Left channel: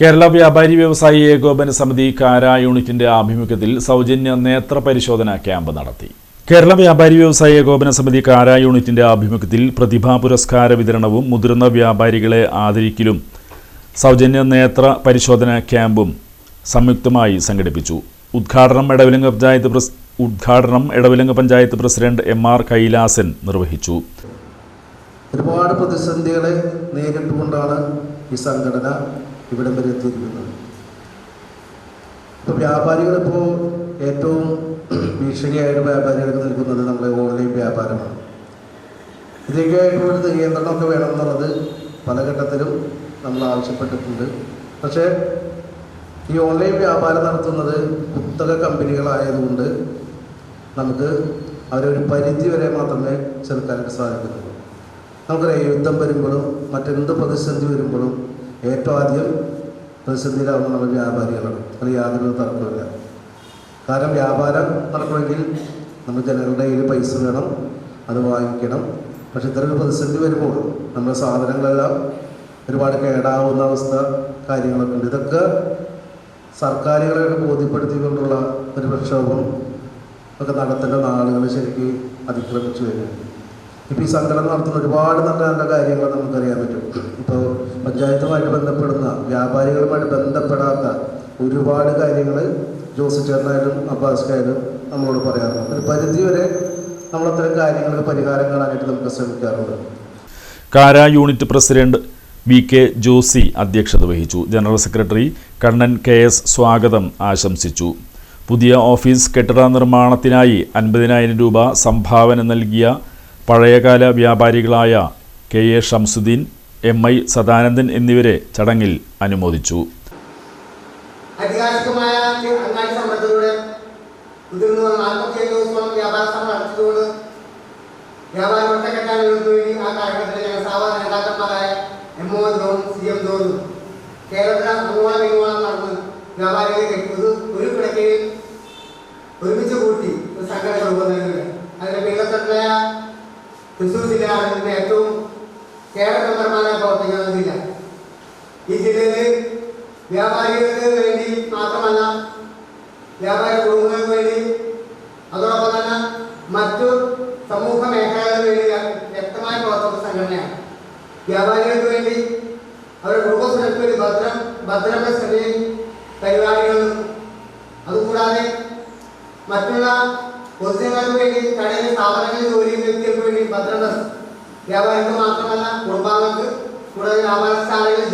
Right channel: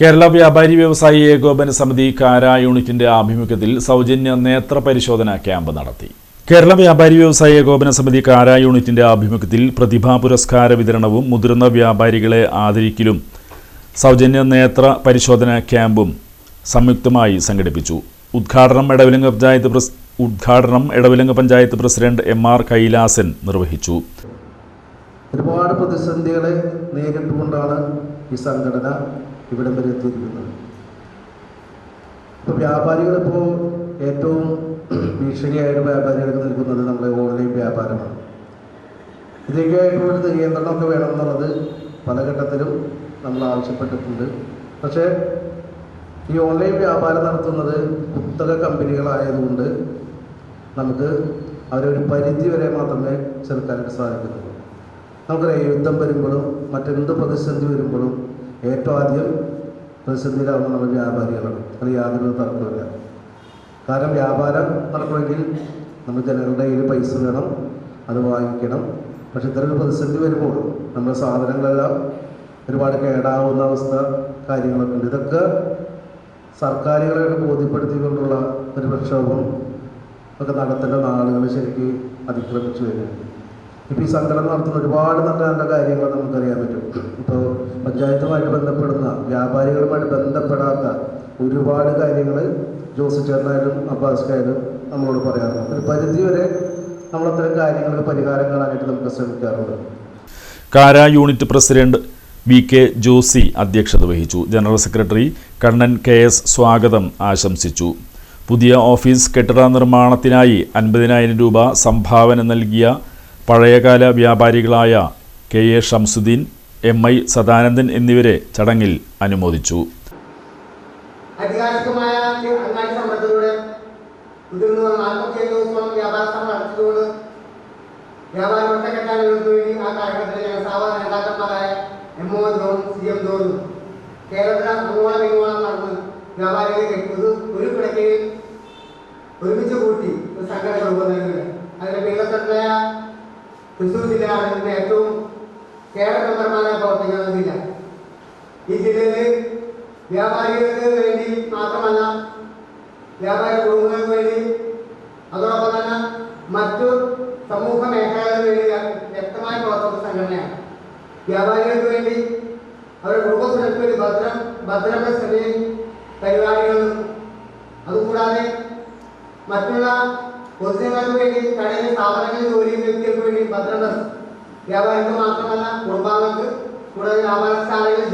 കേരള വ്യാപാരി വ്യവസായി ഏകോപന സമിതി കാര യൂണിറ്റിന്റെ ആഭിമുഖ്യത്തിൽ സൗജന്യ നേത്ര പരിശോധന ക്യാമ്പ് നടത്തി. കേരള വ്യാപാരി വ്യവസായി ഏകോപന സമിതി കാര യൂണിറ്റിന്റെ ആഭിമുഖ്യത്തിൽ പ്രതിഭാ പുരസ്കാര വിതരണവും മുതിർന്ന വ്യാപാരികളെ ആദരിക്കലും സൗജന്യ നേത്ര പരിശോധന ക്യാമ്പും സംയുക്തമായി സംഘടിപ്പിച്ചു. ഉദ്ഘാടനം എടവിലങ്ങ് പഞ്ചായത്ത് പ്രസിഡന്റ് എം.ആർ. കൈലാസൻ നിർവഹിച്ചു. ഒരുപാട് പ്രതിസന്ധികളെ നേരിട്ടുകൊണ്ടാണ് ഈ സംഘടന ഇവിടെ വരെ എത്തിയിരിക്കുന്നത്. ഇപ്പോൾ വ്യാപാരികളിപ്പോൾ ഏറ്റവും ഭീഷണിയായിട്ട് വ്യാപാരികൾക്ക് നൽകുന്നത് നമ്മുടെ ഓൺലൈൻ വ്യാപാരമാണ്. ഇതിലേക്കായിട്ടുള്ളൊരു നിയന്ത്രണമൊക്കെ വേണമെന്നുള്ളത് പല ഘട്ടത്തിലും നമ്മൾ ആവശ്യപ്പെട്ടിട്ടുണ്ട്. പക്ഷേ ഈ ഓൺലൈൻ വ്യാപാരം നടത്തുന്നത് കുത്തക കമ്പനികളായതുകൊണ്ട് നമുക്ക് അവരൊരു പരിധി വരെ മാത്രമേ ചെറുക്കാനായിട്ട് സാധിക്കുന്നുള്ളൂ. നമുക്കറിയാം, യുദ്ധം വരുമ്പോഴും മറ്റെന്ത് പ്രതിസന്ധി വരുമ്പോഴും ഏറ്റവും ആദ്യം പ്രതിസന്ധിയിലാവുന്ന നമ്മൾ വ്യാപാരികളാണ്. അത് യാതൊരു തർക്കമില്ല. കാരണം വ്യാപാരം നടക്കണമെങ്കിൽ നമ്മൾ ജനങ്ങളുടെ കയ്യിൽ പൈസ വേണം, അത് വാങ്ങിക്കണം. പക്ഷെ ഇത്തരമൊരു പ്രതിസന്ധി വരുമ്പോൾ നമ്മുടെ സാധനങ്ങളെല്ലാം ഒരുപാട് കേടാവുന്ന അവസ്ഥ കാര്യങ്ങളൊക്കെ ഉണ്ട്. ഇതൊക്കെ സർക്കാരുകളെ ബോധ്യപ്പെടുത്തിക്കൊണ്ടുള്ള ഒരു പ്രക്ഷോഭം ഒക്കെ നടത്തേണ്ട നാളുകൾ ശരിക്കും അതിക്രമിച്ചു വരുന്നുണ്ട്. ഇപ്പോൾ ഈ സംഘടന നടത്തുന്ന ഒരുപാട് നല്ല നല്ല കാര്യങ്ങൾ നമുക്കറിയാൻ പറ്റും. ഇപ്പോൾ പഞ്ചായത്തുമായിട്ട് ബന്ധപ്പെടുന്ന വ്യാപാരികളുമായിട്ട് ബന്ധപ്പെടാത്ത ഒരുപാട് കാര്യങ്ങൾ ജോസ് ചേട്ടനായാലും അബ്ബാസ്ക്കായാലും നമ്മളോട് പറയാറുണ്ട്. ഒരു പരിധി വരെ നമ്മളത്തരം കാര്യങ്ങൾക്ക് പരിഹാരം കാണാനായിട്ട് നമുക്ക് ശ്രമിക്കാറുണ്ട്. കാര യൂണിറ്റ് പ്രസിഡന്റ് വി.കെ. ജോസി അധ്യക്ഷത വഹിച്ചു. General secretary Kannan KS. സ്വാഗതം ആശംസിച്ചു. പുതിയ ഓഫീസ് കെട്ടിട നിർമ്മാണത്തിനായി 50,000 രൂപ സംഭാവന നൽകിയ പഴയകാല വ്യാപാരികളായ കെ.എ. ഷംസുദ്ദീൻ, എം.ഐ. സദാനന്ദൻ എന്നിവരെ ചടങ്ങിൽ അനുമോദിച്ചു. ഒരു കിടക്കയിൽ ഒരുമിച്ച് കൂട്ടി ഒരു സംഘടന രൂപം നൽകുന്നത്. അതിന്റെ കേരളത്തിലെ തൃശ്ശൂർ ജില്ലയാണ് ഇതിന്റെ ഏറ്റവും കേരളപരമായ പ്രവർത്തിക്കുന്ന ജില്ല. ഈ ജില്ലയിൽ വ്യാപാരികൾക്ക് വേണ്ടി മാത്രമല്ല, വ്യാപാരി കുടുംബങ്ങൾക്ക് വേണ്ടി, അതോടൊപ്പം തന്നെ മറ്റു സമൂഹ മേഖലകൾക്ക് വേണ്ടി വ്യക്തമായി പ്രവർത്തിക്കുന്ന സംഘടനയാണ്. വ്യാപാരികൾക്ക് വേണ്ടി അവരുടെ കുടുംബ സുരക്ഷയ്ക്ക് ഭദ്രത പരിപാടികളും, അതുകൂടാതെ മറ്റുള്ള പൊതുജനങ്ങൾക്ക് വേണ്ടി കടയിലെ സ്ഥാപനങ്ങളിൽ ജോലി ചെയ്യുന്ന വ്യക്തികൾക്ക് വേണ്ടി ഭദ്രത, വ്യാപാരികൾക്ക് മാത്രമല്ല കുടുംബാംഗങ്ങൾക്ക്, കൂടാതെ വ്യാപാര സ്ഥാനങ്ങളിൽ